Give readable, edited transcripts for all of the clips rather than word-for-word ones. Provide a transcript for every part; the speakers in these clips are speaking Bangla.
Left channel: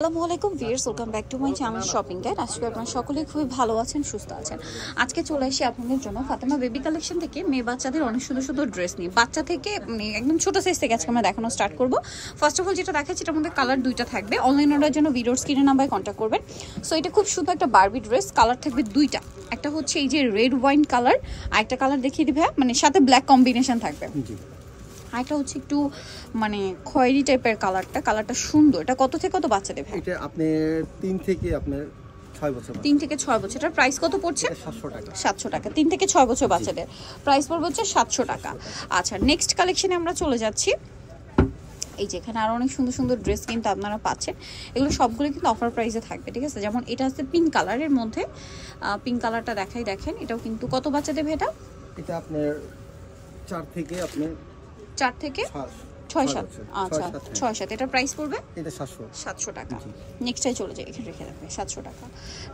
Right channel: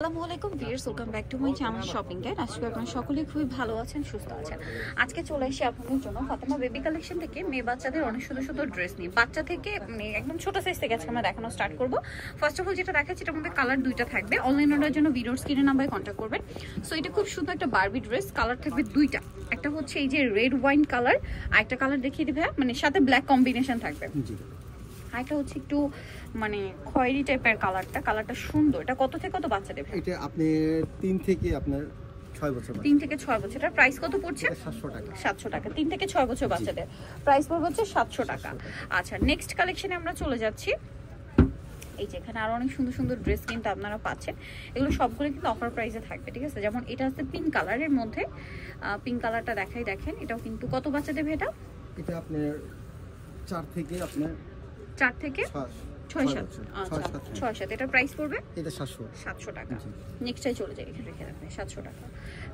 আসসালামু আলাইকুম viewers, welcome back to my channel shopping guide. আজকে আপনারা সকলেই খুবই ভালো আছেন, সুস্থ আছেন। আজকে চলে এসে আপনাদের জন্য ফাতেমা বেবি কালেকশন থেকে মেয়ে বাচ্চাদের অনেক সুন্দর সুন্দর ড্রেস নিয়ে, বাচ্চা থেকে একদম ছোট সাইজ থেকে আজকে আমরা দেখানো স্টার্ট করবো। ফার্স্ট অফ অল যেটা দেখাচ্ছি, এটার মধ্যে কালার দুইটা থাকবে। অনলাইন অর্ডারের জন্য ভিডিওর স্ক্রিনের নাম্বারে কন্ট্যাক্ট করবেন। সো এটা খুব সুন্দর একটা বারবি ড্রেস, কালার থাকবে দুইটা। একটা হচ্ছে এই যে রেড ওয়াইন কালার, আর একটা কালার দেখিয়ে দিবে, মানে সাথে ব্ল্যাক কম্বিনেশন থাকবে। একটা হচ্ছে একটু মানে খয়েরি টাইপের কালারটা সুন্দর। এটা কত থেকে কত বাচ্চা দেবে? এটা আপনি 3 থেকে আপনার 6 বছর। 3 থেকে 6 বছর। এটার প্রাইস কত পড়ছে? 700 টাকা। 700 টাকা। 3 থেকে 6 বছর বাচ্চাদের প্রাইস পড়বে হচ্ছে 700 টাকা। আচ্ছা, নেক্সট কালেকশনে আমরা চলে যাচ্ছি। এই যে এখানে আরো অনেক সুন্দর সুন্দর ড্রেস কিন্তু আপনারা পাচ্ছেন। এগুলো সবগুলো কিন্তু অফার প্রাইসে থাকবে, ঠিক আছে? যেমন এটা হচ্ছে পিঙ্ক কালারের মধ্যে, পিঙ্ক কালারটা দেখাই, দেখেন এটাও কিন্তু কত বাচ্চা দেবে? এটা আপনার 4 থেকে আপনার 4 থেকে 6-7। আচ্ছা 6-7। এটা প্রাইস পড়বে এটা 700 টাকা। নেক্সটটাই চলে যাই, এখানে রেখে রাখবে 700 টাকা।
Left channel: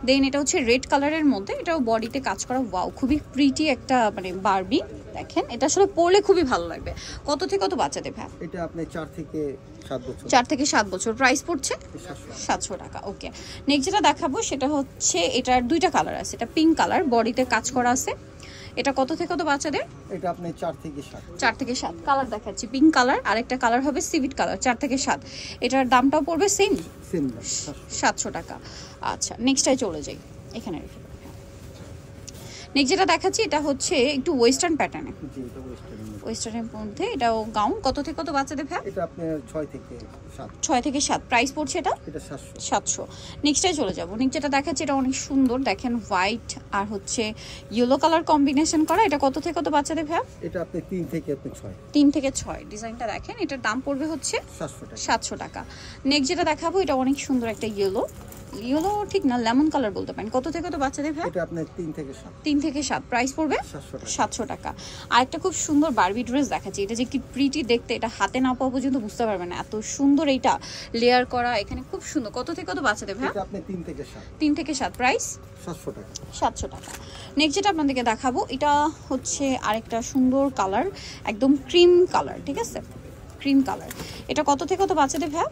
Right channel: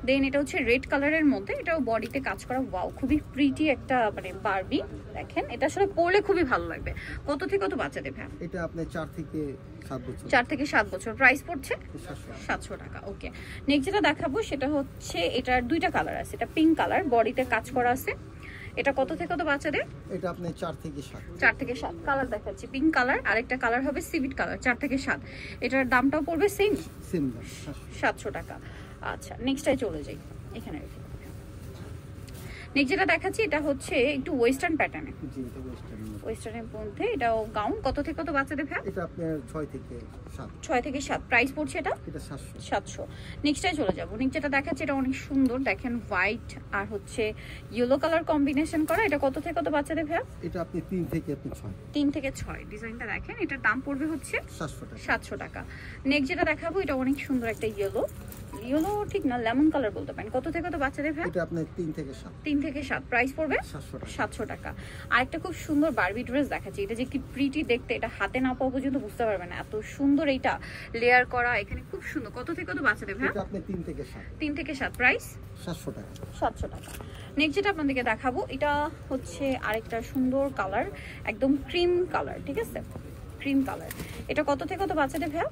দেন এটা হচ্ছে রেড কালারের মধ্যে, এটাও বডিতে কাজ করা। ওয়াও, খুবই প্রিটি একটা মানে বারবি। দেখেন এটা আসলে পরলে খুবই ভালো লাগবে। কত থেকে কত বাচ্চা দেবে? এটা আপনি 4 থেকে 7 বছর। 4 থেকে 7 বছর। প্রাইস পড়ছে 700 টাকা। ওকে, নেক্সট যেটা দেখাবো সেটা হচ্ছে, এটার দুইটা কালার আছে। এটা পিঙ্ক কালার, বডিতে কাজ করা আছে। এটা কত থেকে কত বাচ্চাদের? এটা আপনি 4 থেকে 7। 4 থেকে 7 কালার দেখাচ্ছি। পিঙ্ক কালার, আরেকটা কালার হবে সিভিট কালার। 4 থেকে 7। এটার দামটাও পড়বে সেম দাম 700 টাকা। আচ্ছা, নেক্সটটাই চলে যাই। এখানে নেক্সট যেটা দেখাচ্ছি, এটা হচ্ছে একটু ওয়েস্টার্ন প্যাটার্নে। জি, এটা ওয়েস্টার্নের মধ্যে। এটাও গাউন। কত থেকে কত বাচ্চাদের ভাই? এটা আপনি 6 থেকে 7। 6 থেকে 7। প্রাইস পড়ছে এটা 700। নেক্সটটাই চলে যাব। নেক্সট যেটা দেখাচ্ছি, এটা অনেক সুন্দর। দেখেন হোয়াইট আর হচ্ছে ইয়েলো কালার কম্বিনেশন করা। এটা কত থেকে কত বাচ্চাদের ভাই? এটা আপনি 3 থেকে আপনি 6। 3 থেকে 6। ডিজাইনটা দেখেন, এটার দাম পড়বে হচ্ছে 700 টাকা। নেক্সট যেটা দেখাবো, এটা অনেক সুন্দর একটা ইয়েলো ঠিক না, লেমন কালার বলতে পারেন। কত থেকে কত বাচ্চাদের ভাই? এটা আপনি 3 থেকে 7। 3 থেকে 7। প্রাইস পড়বে 700 টাকা। আর একটা খুব সুন্দর বারবি ড্রেস দেখাচ্ছি। এটা যে কি প্রিটি দেখতে, এটা হাতে না পাওয়া পর্যন্ত বুঝতে পারবেন না, এত সুন্দর। এটা লেয়ার করা, এখানে খুব সুন্দর। কত থেকে কত বাচ্চাদের ভাই? এটা আপনি 3 থেকে 7। 3 থেকে 7। প্রাইস 700 টাকা। 700 টাকা। নেক্সট যেটা আপনাদেরকে দেখাবো, এটা হচ্ছে আরেকটা সুন্দর কালার, একদম ক্রিম কালার, ঠিক আছে? Cream colour. এটা কত থেকে কত বাচ্চাদের ভাই?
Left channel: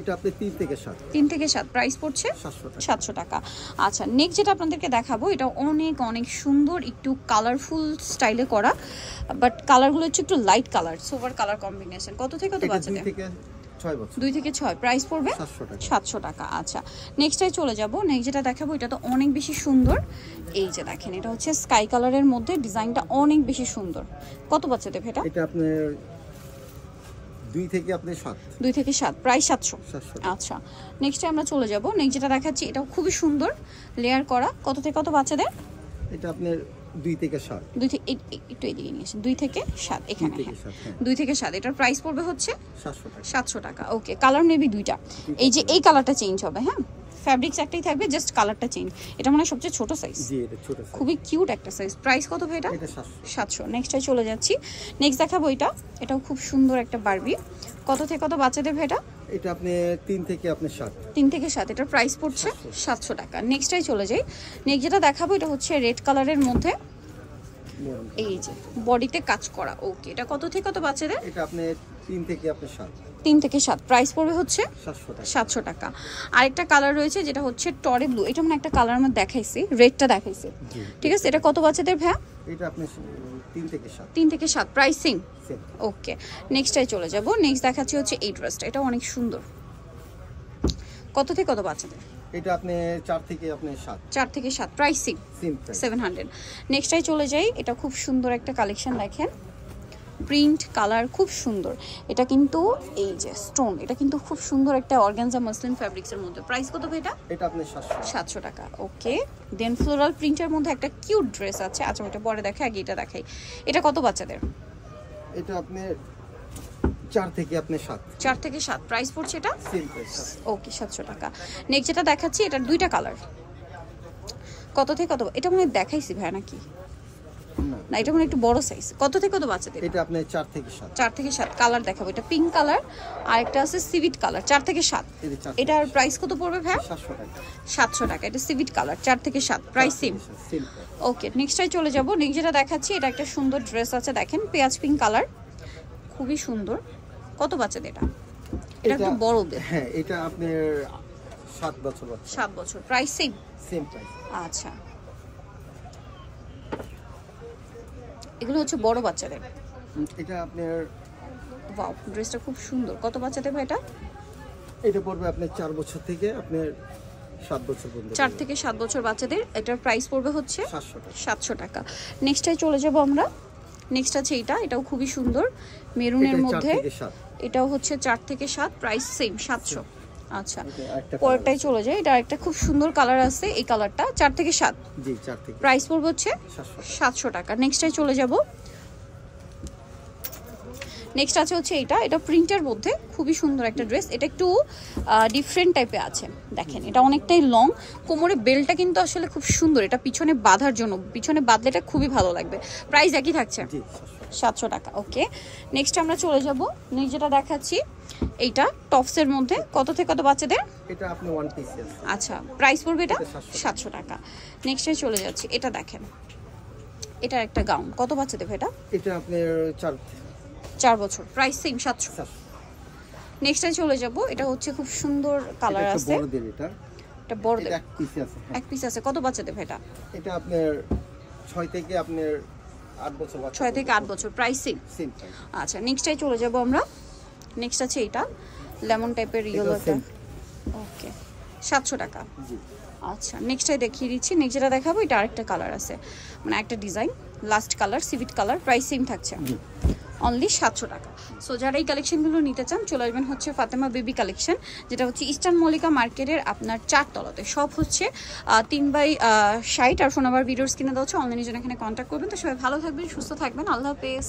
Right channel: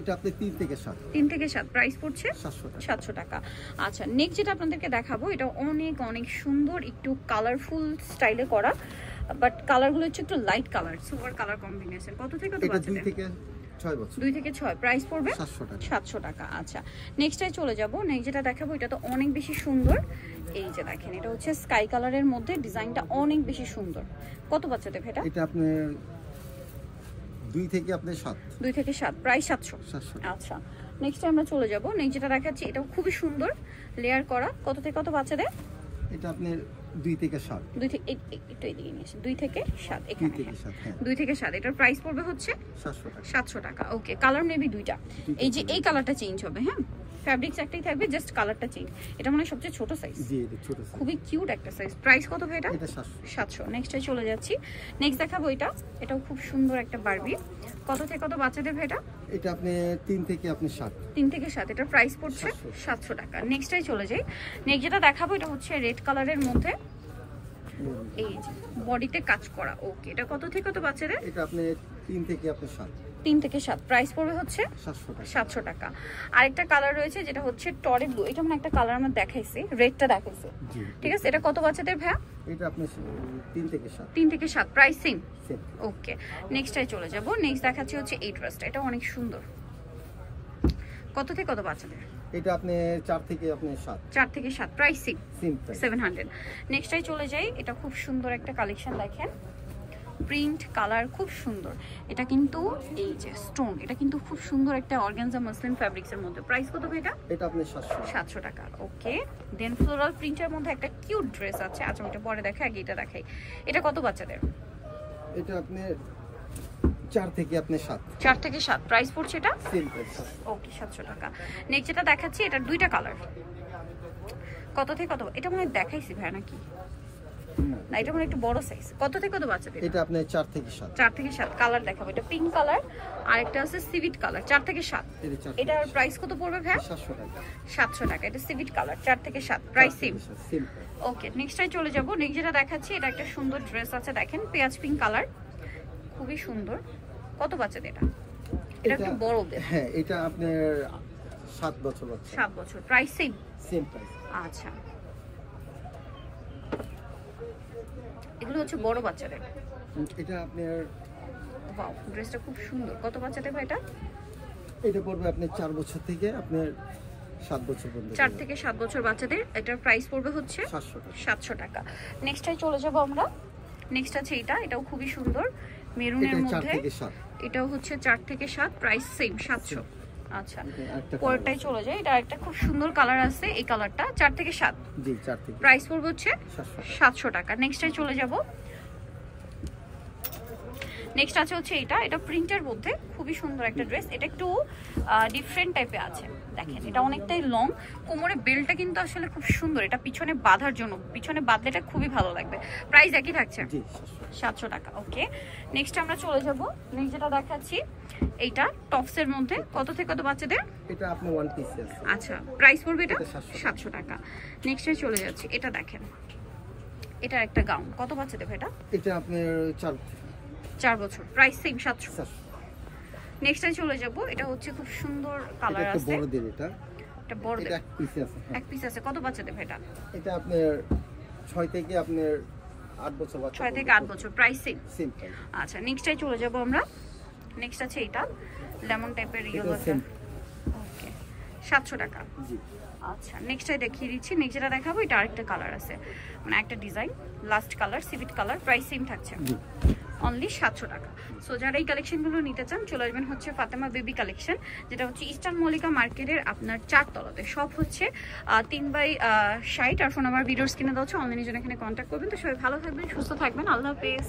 এটা আপনি 3 থেকে 7। 3 থেকে 7। প্রাইস পড়ছে 700 টাকা। আচ্ছা, নেক্সট যেটা আপনাদেরকে দেখাবো, এটা অনেক অনেক সুন্দর, একটু কালারফুল স্টাইলে করা, বাট কালারগুলো হচ্ছে একটু light colour, sober colour combination. কত থেকে কত বাচ্চাদের? 2 থেকে 6 বছর। 2 থেকে 6। প্রাইস পড়বে 700 টাকা। আচ্ছা, নেক্সটটাই চলে যাব। নেক্সট যেটা দেখাবো, এটা তো অনেক বেশি সুন্দর। এই যে দেখেন, এটা হচ্ছে স্কাই কালারের মধ্যে, ডিজাইনটা অনেক বেশি সুন্দর। কত বাচ্চাদের এটা? এটা আপনার 2 থেকে আপনি 7। 2 থেকে 7। প্রাইস 700। আচ্ছা, নেক্সটে আমরা চলে যাব। নেক্সট যেটা দেখাচ্ছি, এটা খুবই সুন্দর, লেয়ার করা। কত থেকে কত বাচ্চাদের? এটা আপনার 2 থেকে 7। 2 থেকে একটু এদিকে নিয়ে আসেন। 2 থেকে 7। এখানে 2 থেকে 7। এটার প্রাইস পড়বে হচ্ছে 700 টাকা। ওকে, কালার নেবি দুইটা। এই যে এই কালারটা চেঞ্জ হবে, হ্যাঁ? ফ্যাব্রিক্স একটাই থাকবে, জাস্ট কালারটা চেঞ্জ। এটা মানে সবচেয়ে ছোট সাইজ। জি, এটা ছোট সাইজ। খুবই কিউট একটা সাইজ। প্রাইস কত ভাই এটা? এটা 700। নেক্সটে চলে যাচ্ছি। নেক্সট দেখাবো এটাও খুব সুন্দর একটা বারবি। কত থেকে কত বাচ্চাদের ভাই এটা? এটা আপনি 3 থেকে আপনি 7। 3 থেকে 7। এটার প্রাইস পড়ছে 700 টাকা। নেক্সটটাই চলে যাই। নেক্সট যেটা দেখাবো, এটা হচ্ছে রেড কালারের মধ্যে, এই যে বডিতে কাজ করা। ওকে, এটা কত থেকে কত বাচ্চাদের? এটা আপনি 3 থেকে আপনি 7। 3 থেকে 7। প্রাইস পড়বে হচ্ছে 700 টাকা। আরেকটা কালার রয়েছে, যেটা হচ্ছে টরি ব্লু। এটা মানে একটা কালার আমি দেখাইছি, রেডটা দেখাইছি, ঠিক আছে? এটা কত বাচ্চাদের ভাই? এটা আপনি 3 থেকে 7। 3 থেকে 7। Price same. ওকে, নেক্সটটাই চলে যাব। নেক্সট দেখাচ্ছি হচ্ছে এই ড্রেসটা। এটা অনেক সুন্দর। কত থেকে কত বাচ্চাদের? এটা আপনি 4 থেকে আপনি 7। 4 থেকে 7। Price same 700। নেক্সটটাই চলে যাই। এটা খুব সুন্দর একটা কালেকশন, দেখেন প্রিন্ট কালার খুব সুন্দর। এটা কিন্তু এই যে স্টোন, এটা কিন্তু খুব সুন্দর একটা অর্গানজা মসলিন ফ্যাব্রিক্সের মধ্যে। প্রাইস কত ভাই এটা? এটা আপনি 700 টাকা। ওকে, দেন ফ্লোরাল প্রিন্টের মধ্যে একটা কিউট ড্রেস আছে। আচ্ছা, ওটা পরে দেখাই, আগে এটা দেখাই। এটা কত বাচ্চাদের? এটা আপনি 4 থেকে আপনি 7। 4 থেকে 7। প্রাইস পড়ছে এটা সেম প্রাইস। ওকে, 700 টাকা। নেক্সট যেটা দেখাচ্ছি, এটার দুইটা কালার। কত থেকে কত? এটা মনে দেখাইছি ভাই নাকি? না, এটা মানে একটু বড় সাইজ। কত থেকে কত বাচ্চাদের? এটা আপনি 4 থেকে 7। 4 থেকে 7। কালার দেখাবো, এটা পিঙ্ক কালার, আর একটা আছে সিভিট কালার। 4 থেকে 7। এটার প্রাইস কত পড়বে ভাই? 700 টাকা। 700 টাকা। এটা সিভিট কালার, 4 থেকে 7। Price same. ওকে, নেক্সটটাই চলে যাব। নেক্সট যেটা দেখাচ্ছি, এটা একটা সুন্দর ড্রেস আছে, দেখেন পেঁয়াজ পিঙ্ক কালার, খুবই সুন্দর। কত বাচ্চাদের এটা? এটা একটু বড়দের। হ্যাঁ, এটা আপনার 7 বছর বাচ্চা। 7 বছর। Price same price. আচ্ছা, এগুলো হচ্ছে বড় বাচ্চাদের। এটা আপনার ওয়াও, ড্রেসটা খুব সুন্দর। কত বাচ্চা দেবে এটা? এটা পড়বে আপনার 4 বছর থেকে আপনার 7 বছর পর্যন্ত। 4 থেকে 7 বছর বাচ্চাদের এটার প্রাইস পড়বে হচ্ছে 700 টাকা। নেক্সটে চলে যাব আমরা। নেক্সট আছে এটাও খুবই সুন্দর মেরুনের মধ্যে। এটাও হচ্ছে 4 থেকে 7, প্রাইস সেম 700। আচ্ছা, পরেরটাই চলে যায়। এটা একটা খুব সুন্দর কালার আছে, এই কালারটা 4 থেকে 7। জি, 4 থেকে। প্রাইস পড়বে হচ্ছে 700 টাকা। নেক্সটে চলে যাব। নেক্সট আছে হচ্ছে এটা প্রিন্টের মধ্যে খুবই সুন্দর একটা ড্রেস। এটা একটু ডিফারেন্ট টাইপে আছে, দেখেন এটা অনেকটাই লং, কোমরে বেল্টটা কিন্তু আসলে খুব সুন্দর। এটা পিছনে বাঁধার জন্য, পিছনে বাঁধলে এটা খুবই ভালো লাগবে। প্রাইস একই থাকছে 700 টাকা। ওকে, নেক্সট আমরা চলে যাব। যেটা দেখাচ্ছি এইটা টপসের মধ্যে। কত থেকে কত বাচ্চাদের? এটা আপনি ওয়ান পিস আছে। আচ্ছা, প্রাইস পড়বে এটা 700 টাকা। নেক্সটে চলে যাচ্ছি। এটা দেখেন, এটা একটা গাউন। কত বাচ্চা দেবে এটা? এটা আপনার 4 বছর। Price same 700। নেক্সটে চলে যাব। এটা হচ্ছে খুব সুন্দর কালার আছে। এটা বড়দের। এটা বড়দের। এক পিস আছে। এক পিস আছে। কত বাচ্চা দেবে এটা? এটা আপনার 6 থেকে আপনার 8 বছর বাচ্চা। 6 থেকে 8 বছর। Price same. আচ্ছা, নেক্সটে চলে যাব আমরা। নেক্সট আছে এটা লেমন টাইপের ইয়েলোটা। ওকে, 700 টাকা। জি। আচ্ছা, নেক্সটে দেখিয়ে দিচ্ছি। নেক্সট যেটা দেখাবো এটা আরেকটা কালার আছে, মানে একটা ডিজাইন, লাস্ট কালার সিভিট কালার। প্রাইস সেম থাকছে অনলি 700 টাকা। সো যারা এই কালেকশনগুলো নিতে চান চলে আসবেন হচ্ছে ফাতেমা বেবি কালেকশন, যেটা হচ্ছে ইস্টার্ন মল্লিকা মার্কেটের আপনার 4 তলাতে। সব হচ্ছে 3/60। আর ফোন নাম্বার ভিডিওস কিনে দেওয়া হচ্ছে। অনলাইনে জন্য এখানে কন্ট্যাক্ট করবেন। তো সবাই ভালো থাকবেন, সুস্থ থাকবেন। আল্লাহ হাফেজ।